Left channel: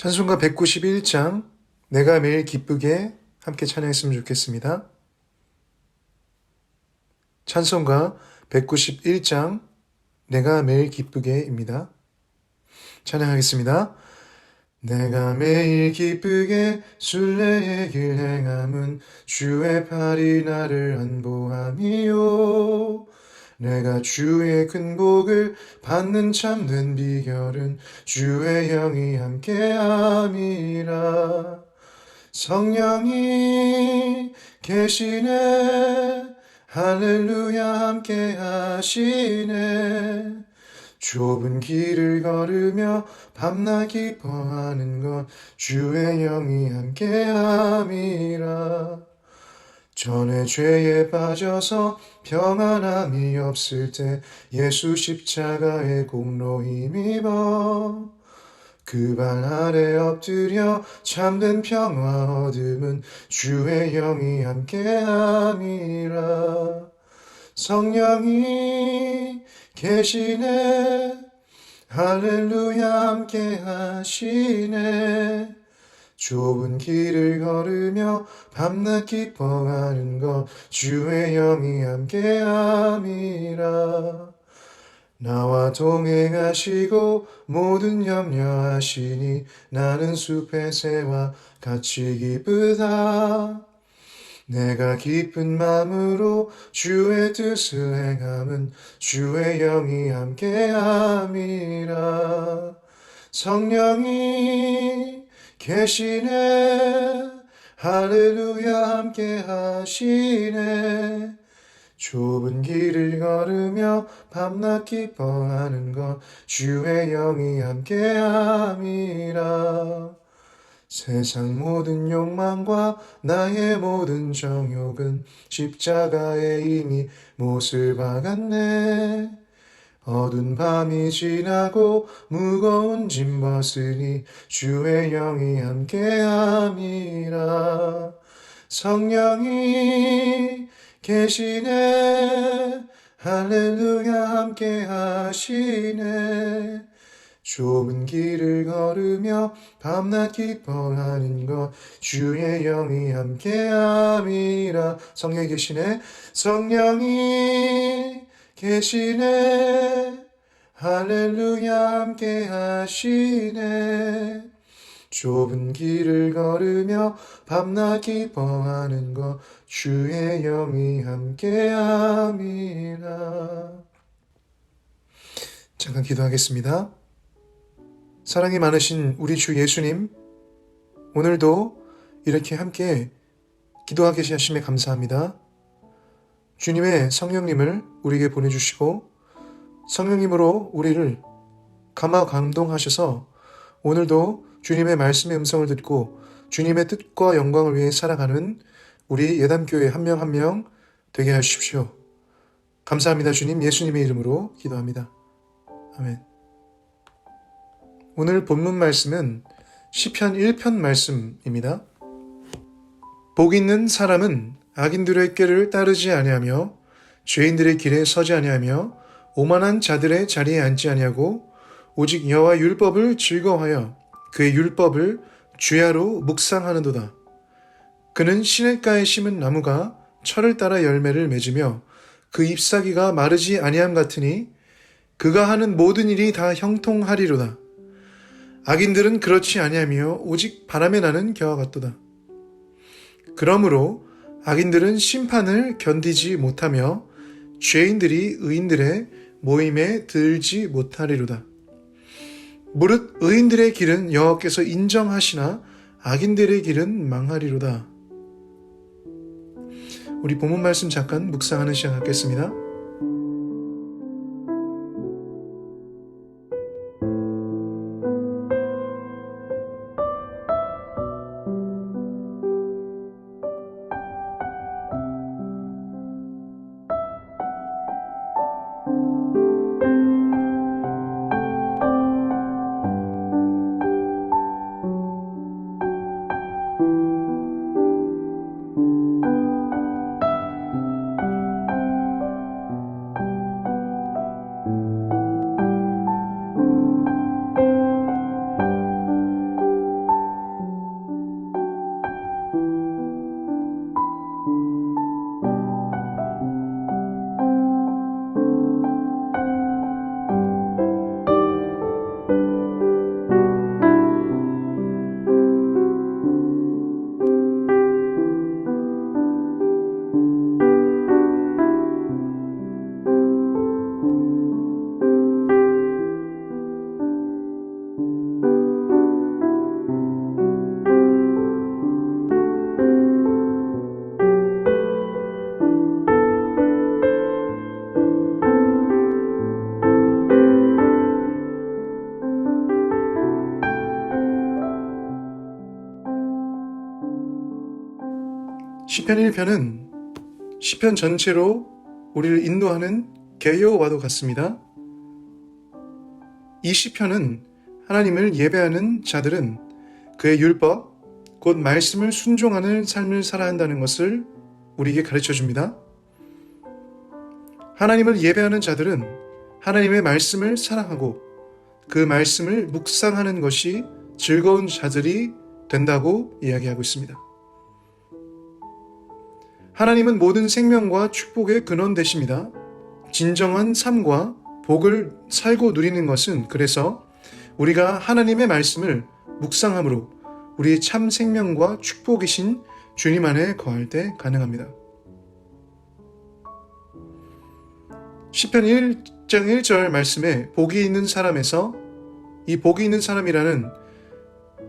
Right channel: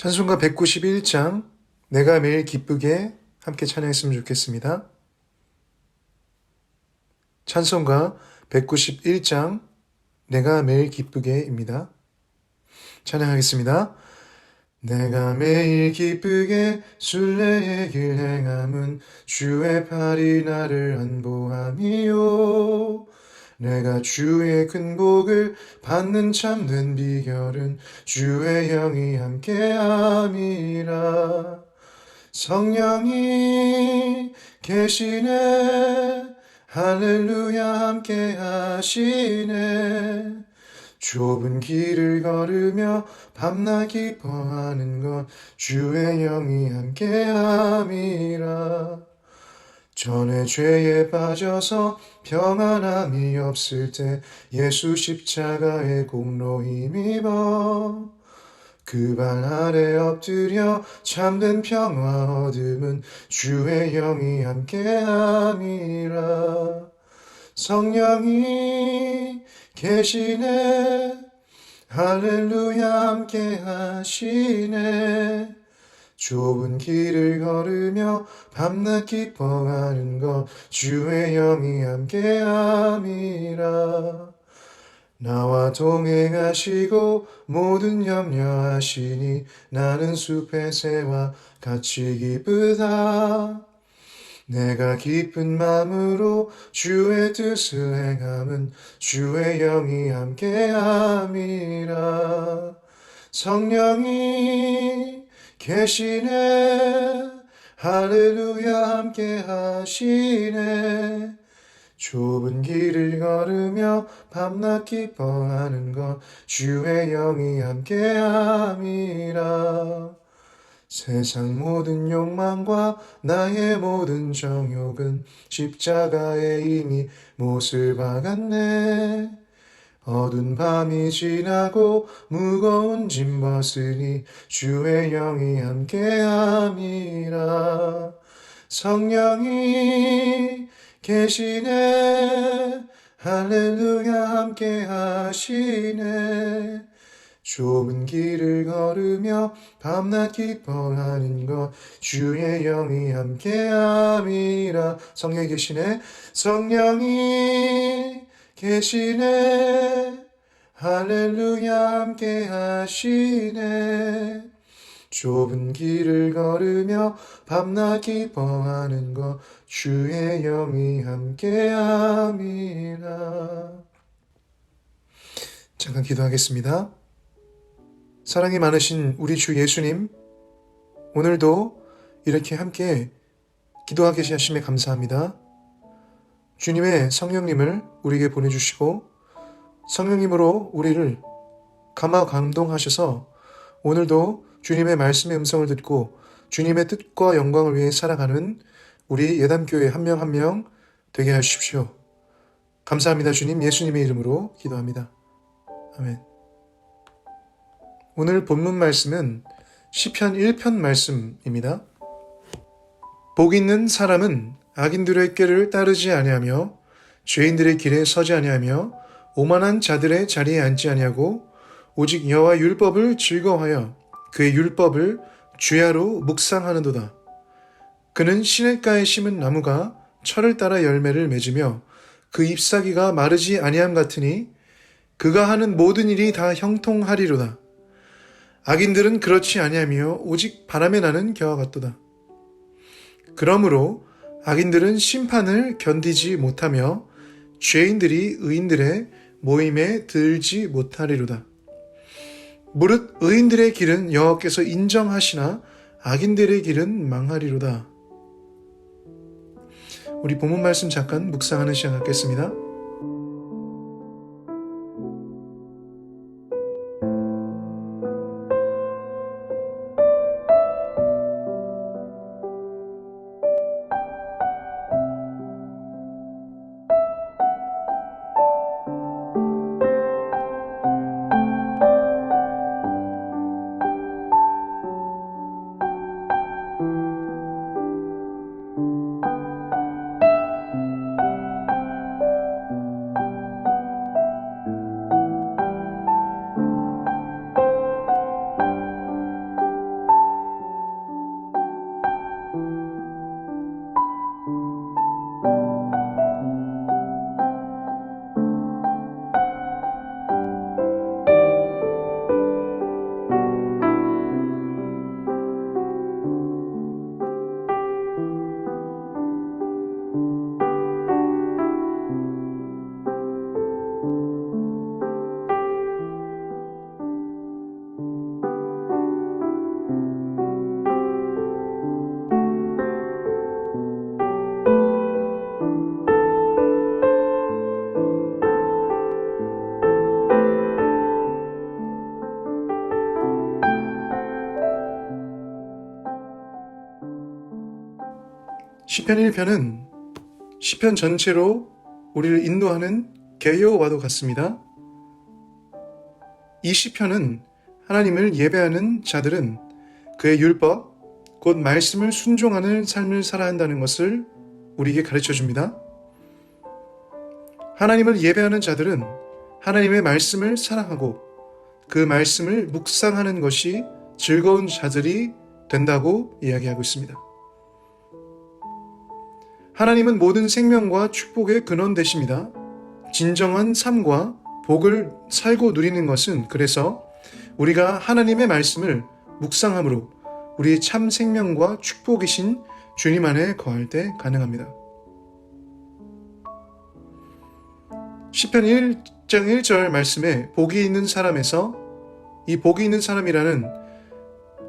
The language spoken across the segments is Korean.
찬송가 191장 내가 매일 기쁘게 함께 찬양했으면 좋겠습니다. 찬송가 191장 내가 매일 기쁘게입니다. 찬양하겠습니다. 내가 매일 기쁘게 순례의 길 행함은 주의 팔이 나를 안보함이요. 내가 주의 큰 복을 받는 참된 비결은 주의 영이 함께함이라. 성령이 계시네, 할렐루야 함께하시네. 좁은 길을 걸으며 밤낮 기뻐하는 것 주의 영이 함께함이라. 전에 죄에 빠져서 평안함이 없을 때 예수 십자가의 공로 힘입어 그 발 아래 엎드려 참된 평화 얻음은 주의 영이 함께함이라. 성령이 계시네, 할렐루야 함께하시네. 좁은 길을 걸으며 밤낮 기뻐하는 것 주의 영이 함께함이라. 나와 동행하시고 모든 염려하시니 나는 숲의 새와 같이 기쁘다. 내가 기쁜 마음으로 주의 뜻을 행함은 주의 영이 함께함이라. 성령이 계시네, 할렐루야 함께하시네. 좁은 길을 걸으며 밤낮 기뻐하는 것 주의 영이 함께함이라. 세상 모든 욕망과 나의 모든 정욕은 십자가에 이미 못을 박았네. 어두운 밤이 지나고 무거운 짐 벗으니 주의 영이 함께함이라. 성령이 계시네, 할렐루야 함께하시네. 좁은 길을 걸으며 밤낮 기뻐하는 것 주의 영이 함께함이라. 성령이 계시네, 성령이 계시네, 할렐루야 함께하시네. 좁은 길을 걸으며 밤낮 기뻐하는 것 주의 영이 함께함이라. 잠깐 기도하겠습니다. 사랑이 많으신 우리 주 예수님, 오늘도 이렇게 함께 기도하게 하심에 감사합니다. 주님의 성령님을 우리에게 보내주시고 성령님으로 우리를 감화 감동하셔서 오늘도 주님의 말씀의 음성을 듣고 주님의 뜻과 영광을 위해 살아가는 우리 예담교회 한 명 한 명 되게 하십시오. 감사합니다. 주님, 예수님의 이름으로 기도합니다. 아멘. 오늘 본문 말씀은 시편 1편 말씀입니다. 복 있는 사람은 악인들의 꾀를 따르지 아니하며 죄인들의 길에 서지 아니하며 오만한 자들의 자리에 앉지 아니하고 오직 여호와 율법을 즐거워하여 그의 율법을 주야로 묵상하는도다. 그는 시냇가에 심은 나무가 철을 따라 열매를 맺으며 그 잎사귀가 마르지 아니함 같으니 그가 하는 모든 일이 다 형통하리로다. 악인들은 그렇지 아니하며 오직 바람에 나는 겨와 같도다. 그러므로 악인들은 심판을 견디지 못하며 죄인들이 의인들의 모임에 들지 못하리로다. 무릇 의인들의 길은 여호와께서 인정하시나 악인들의 길은 망하리로다. 우리 본문 말씀 잠깐 묵상하는 시간 갖겠습니다. 시편 1편은 시편 전체로 우리를 인도하는 개요와도 같습니다. 이 시편은 하나님을 예배하는 자들은 그의 율법, 곧 말씀을 순종하는 삶을 살아야 한다는 것을 우리에게 가르쳐 줍니다. 하나님을 예배하는 자들은 하나님의 말씀을 사랑하고 그 말씀을 묵상하는 것이 즐거운 자들이 된다고 이야기하고 있습니다. 하나님은 모든 생명과 축복의 근원 되십니다. 진정한 삶과 복을 살고 누리는 것은 그래서 우리가 하나님의 말씀을 묵상함으로 우리의 참 생명과 축복이신 주님 안에 거할 때 가능합니다. 시편 1장 1절 말씀에 복이 있는 사람에서 이 복이 있는 사람이라는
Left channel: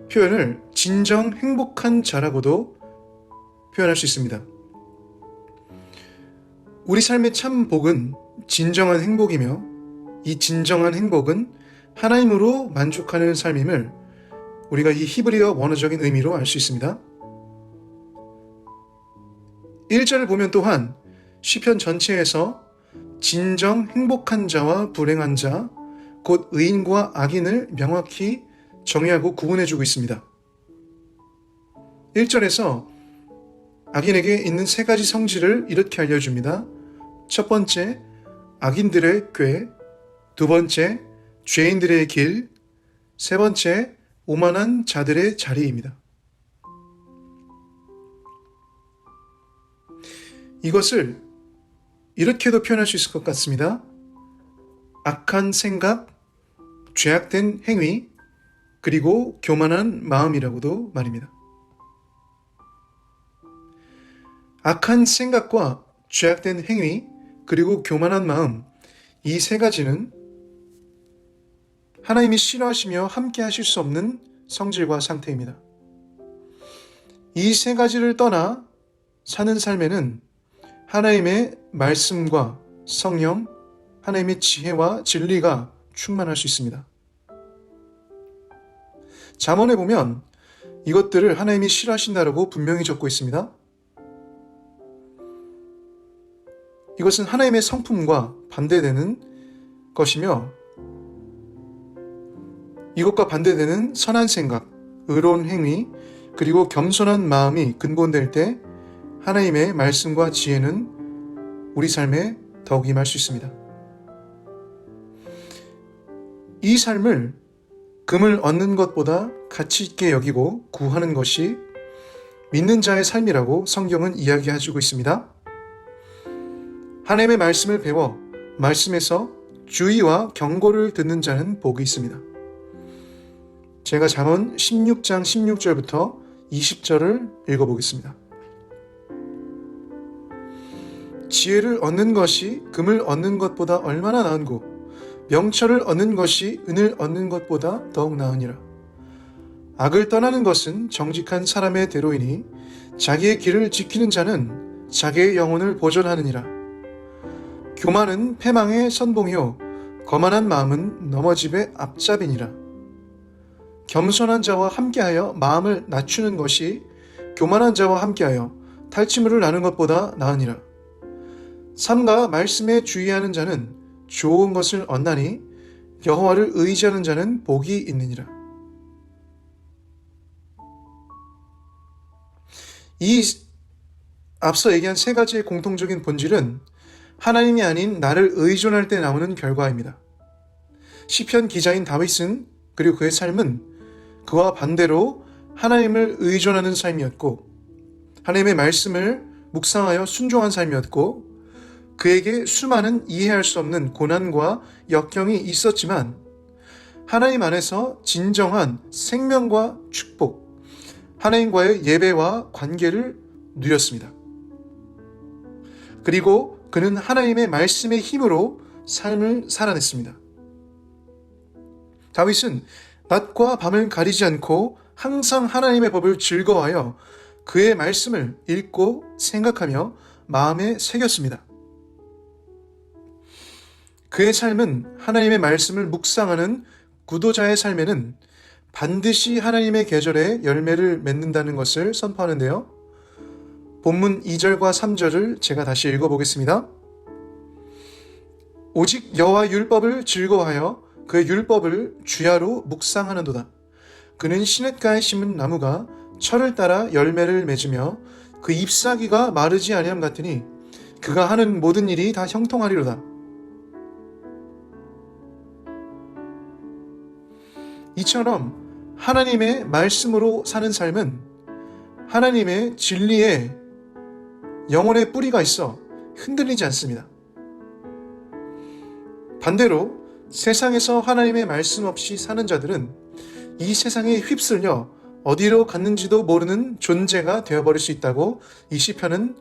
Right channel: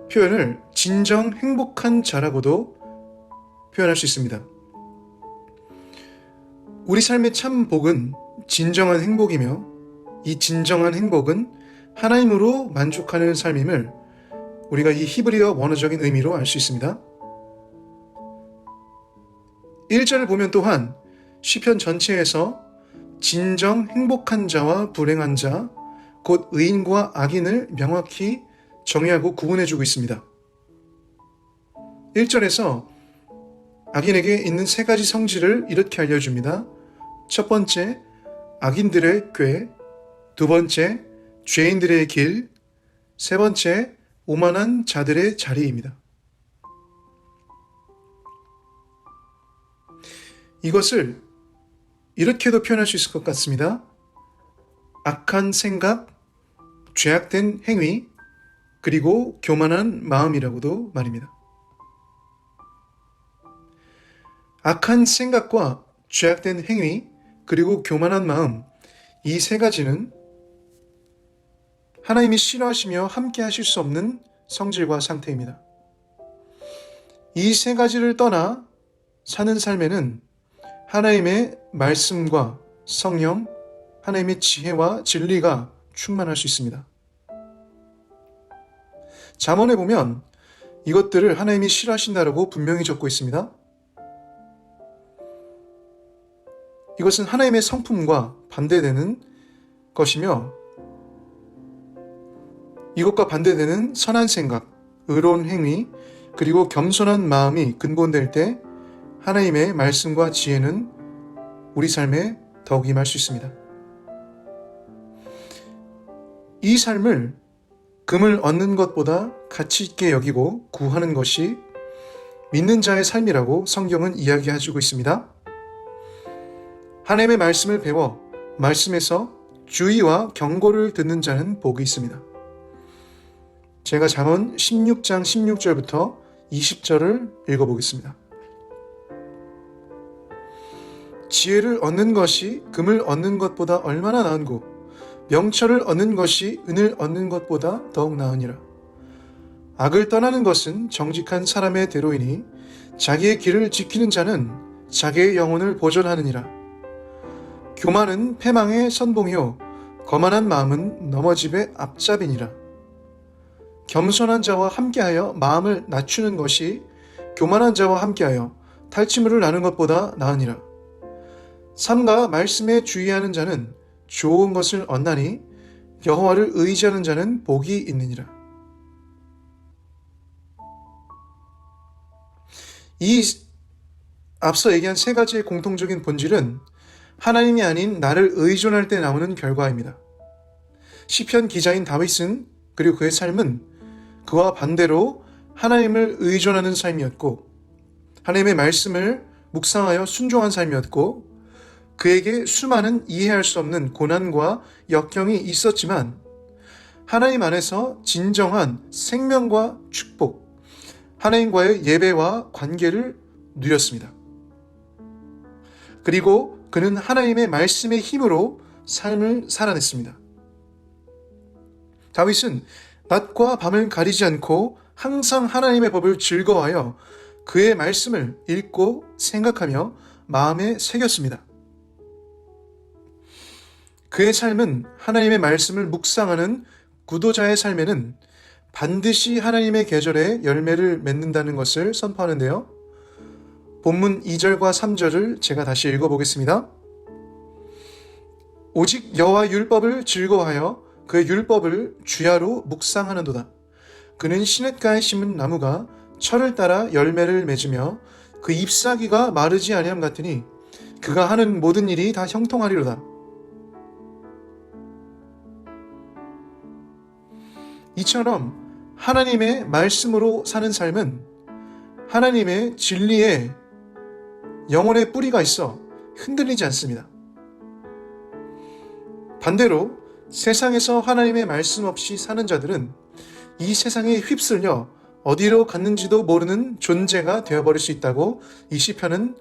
표현을 진정 행복한 자라고도 표현할 수 있습니다. 우리 삶의 참 복은 진정한 행복이며 이 진정한 행복은 하나님으로 만족하는 삶임을 우리가 이 히브리어 원어적인 의미로 알 수 있습니다. 1절을 보면 또한 시편 전체에서 진정 행복한 자와 불행한 자, 곧 의인과 악인을 명확히 정의하고 구분해주고 있습니다. 1절에서 악인에게 있는 세 가지 성질을 이렇게 알려줍니다. 첫 번째, 악인들의 꾀. 두 번째, 죄인들의 길. 세 번째, 오만한 자들의 자리입니다. 이것을 이렇게도 표현할 수 있을 것 같습니다. 악한 생각, 죄악된 행위, 그리고 교만한 마음이라고도 말입니다. 악한 생각과 죄악된 행위, 그리고 교만한 마음, 이 세 가지는 하나님이 싫어하시며 함께 하실 수 없는 성질과 상태입니다. 이 세 가지를 떠나 사는 삶에는 하나님의 말씀과 성령, 하나님의 지혜와 진리가 충만할 수 있습니다. 잠언에 보면 이것들을 하나님이 싫어하신다라고 분명히 적고 있습니다. 이것은 하나님의 성품과 반대되는 것이며 이것과 반대되는 선한 생각, 의로운 행위, 그리고 겸손한 마음이 근본될 때 하나님의 말씀과 지혜는 우리 삶에 더욱 임할 수 있습니다. 이 삶을 금을 얻는 것보다 가치 있게 여기고 구하는 것이 믿는 자의 삶이라고 성경은 이야기해주고 있습니다. 하나님의 말씀을 배워 말씀에서 주의와 경고를 듣는 자는 복이 있습니다. 제가 잠언 16장 16절부터 20절을 읽어보겠습니다. 지혜를 얻는 것이 금을 얻는 것보다 얼마나 나은고 명철을 얻는 것이 은을 얻는 것보다 더욱 나으니라. 악을 떠나는 것은 정직한 사람의 대로이니 자기의 길을 지키는 자는 자기의 영혼을 보존하느니라. 교만은 패망의 선봉이요 거만한 마음은 넘어짐의 앞잡이니라. 겸손한 자와 함께하여 마음을 낮추는 것이 교만한 자와 함께하여 탈취물을 나는 것보다 나으니라. 삼가 말씀에 주의하는 자는 좋은 것을 얻나니 여호와를 의지하는 자는 복이 있느니라. 이 앞서 얘기한 세 가지의 공통적인 본질은 하나님이 아닌 나를 의존할 때 나오는 결과입니다. 시편 기자인 다윗은 그리고 그의 삶은 그와 반대로 하나님을 의존하는 삶이었고 하나님의 말씀을 묵상하여 순종한 삶이었고 그에게 수많은 이해할 수 없는 고난과 역경이 있었지만 하나님 안에서 진정한 생명과 축복, 하나님과의 예배와 관계를 누렸습니다. 그리고 그는 하나님의 말씀의 힘으로 삶을 살아냈습니다. 다윗은 낮과 밤을 가리지 않고 항상 하나님의 법을 즐거워하여 그의 말씀을 읽고 생각하며 마음에 새겼습니다. 그의 삶은 하나님의 말씀을 묵상하는 구도자의 삶에는 반드시 하나님의 계절에 열매를 맺는다는 것을 선포하는데요. 본문 2절과 3절을 제가 다시 읽어보겠습니다. 오직 여호와 율법을 즐거워하여 그의 율법을 주야로 묵상하는도다. 그는 시냇가에 심은 나무가 철을 따라 열매를 맺으며 그 잎사귀가 마르지 아니함 같으니 그가 하는 모든 일이 다 형통하리로다. 이처럼 하나님의 말씀으로 사는 삶은 하나님의 진리에 영혼의 뿌리가 있어 흔들리지 않습니다. 반대로 세상에서 하나님의 말씀 없이 사는 자들은 이 세상에 휩쓸려 어디로 갔는지도 모르는 존재가 되어버릴 수 있다고 이 시편은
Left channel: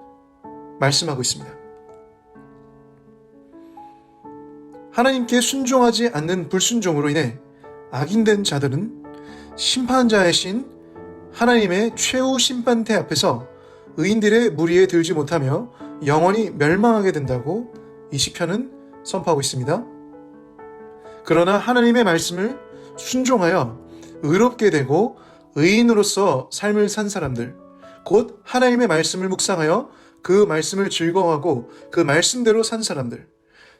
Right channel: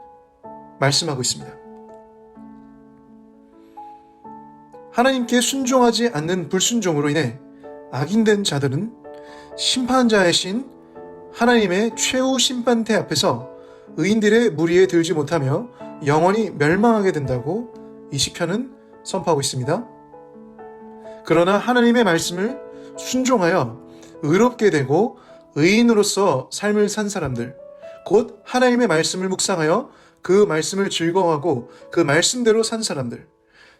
말씀하고 있습니다. 하나님께 순종하지 않는 불순종으로 인해 악인된 자들은 심판자이신 하나님의 최후 심판대 앞에서 의인들의 무리에 들지 못하며 영원히 멸망하게 된다고 이 시편은 선포하고 있습니다. 그러나 하나님의 말씀을 순종하여 의롭게 되고 의인으로서 삶을 산 사람들, 곧 하나님의 말씀을 묵상하여 그 말씀을 즐거워하고 그 말씀대로 산 사람들,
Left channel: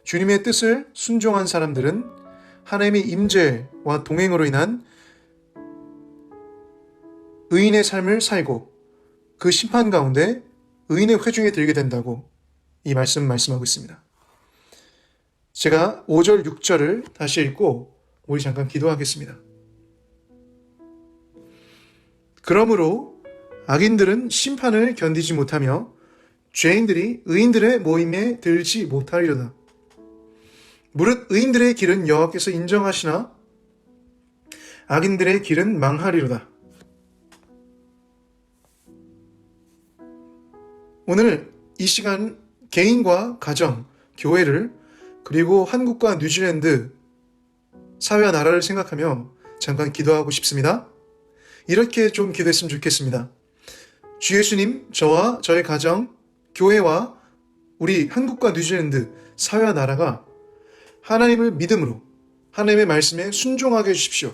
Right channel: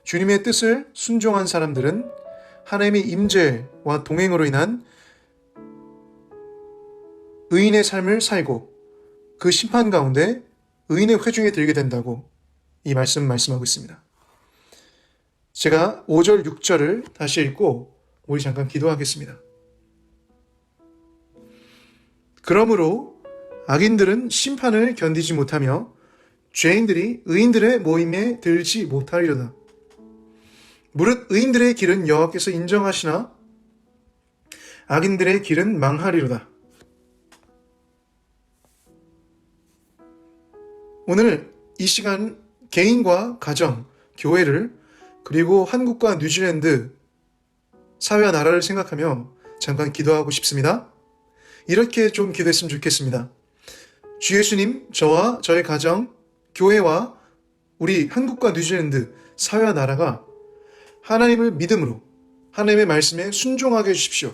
주님의 뜻을 순종한 사람들은 하나님의 임재와 동행으로 인한 의인의 삶을 살고 그 심판 가운데 의인의 회중에 들게 된다고 이 말씀하고 있습니다. 제가 5절, 6절을 다시 읽고 우리 잠깐 기도하겠습니다. 그러므로 악인들은 심판을 견디지 못하며 죄인들이 의인들의 모임에 들지 못하리로다. 무릇 의인들의 길은 여호와께서 인정하시나 악인들의 길은 망하리로다. 오늘 이 시간 개인과 가정, 교회를 그리고 한국과 뉴질랜드 사회와 나라를 생각하며 잠깐 기도하고 싶습니다. 이렇게 좀 기도했으면 좋겠습니다. 주 예수님, 저와 저의 가정, 교회와 우리 한국과 뉴질랜드 사회와 나라가 하나님을 믿음으로 하나님의 말씀에 순종하게 해주십시오.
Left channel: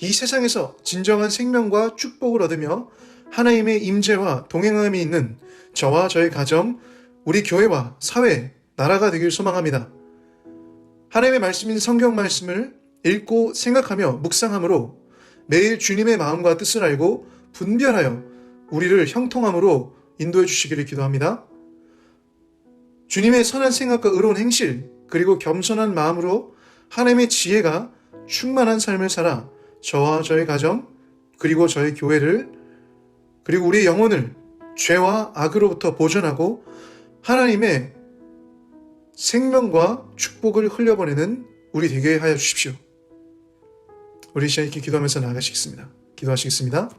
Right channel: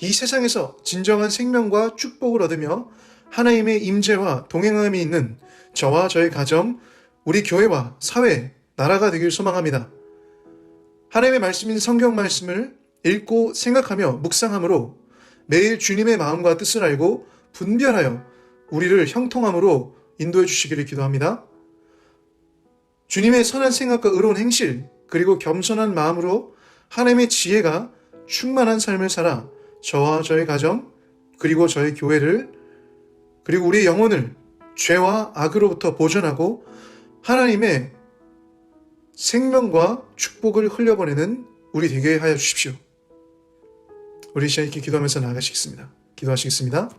이 세상에서 진정한 생명과 축복을 얻으며 하나님의 임재와 동행함이 있는 저와 저의 가정, 우리 교회와 사회, 나라가 되길 소망합니다. 하나님의 말씀인 성경 말씀을 읽고 생각하며 묵상함으로 매일 주님의 마음과 뜻을 알고 분별하여 우리를 형통함으로 인도해 주시기를 기도합니다. 주님의 선한 생각과 의로운 행실, 그리고 겸손한 마음으로 하나님의 지혜가 충만한 삶을 살아 저와 저의 가정, 그리고 저의 교회를, 그리고 우리의 영혼을 죄와 악으로부터 보존하고 하나님의 생명과 축복을 흘려보내는 우리 되게 하여 주십시오. 우리 시간 이렇게 기도하면서 나아가시겠습니다. 기도하시겠습니다.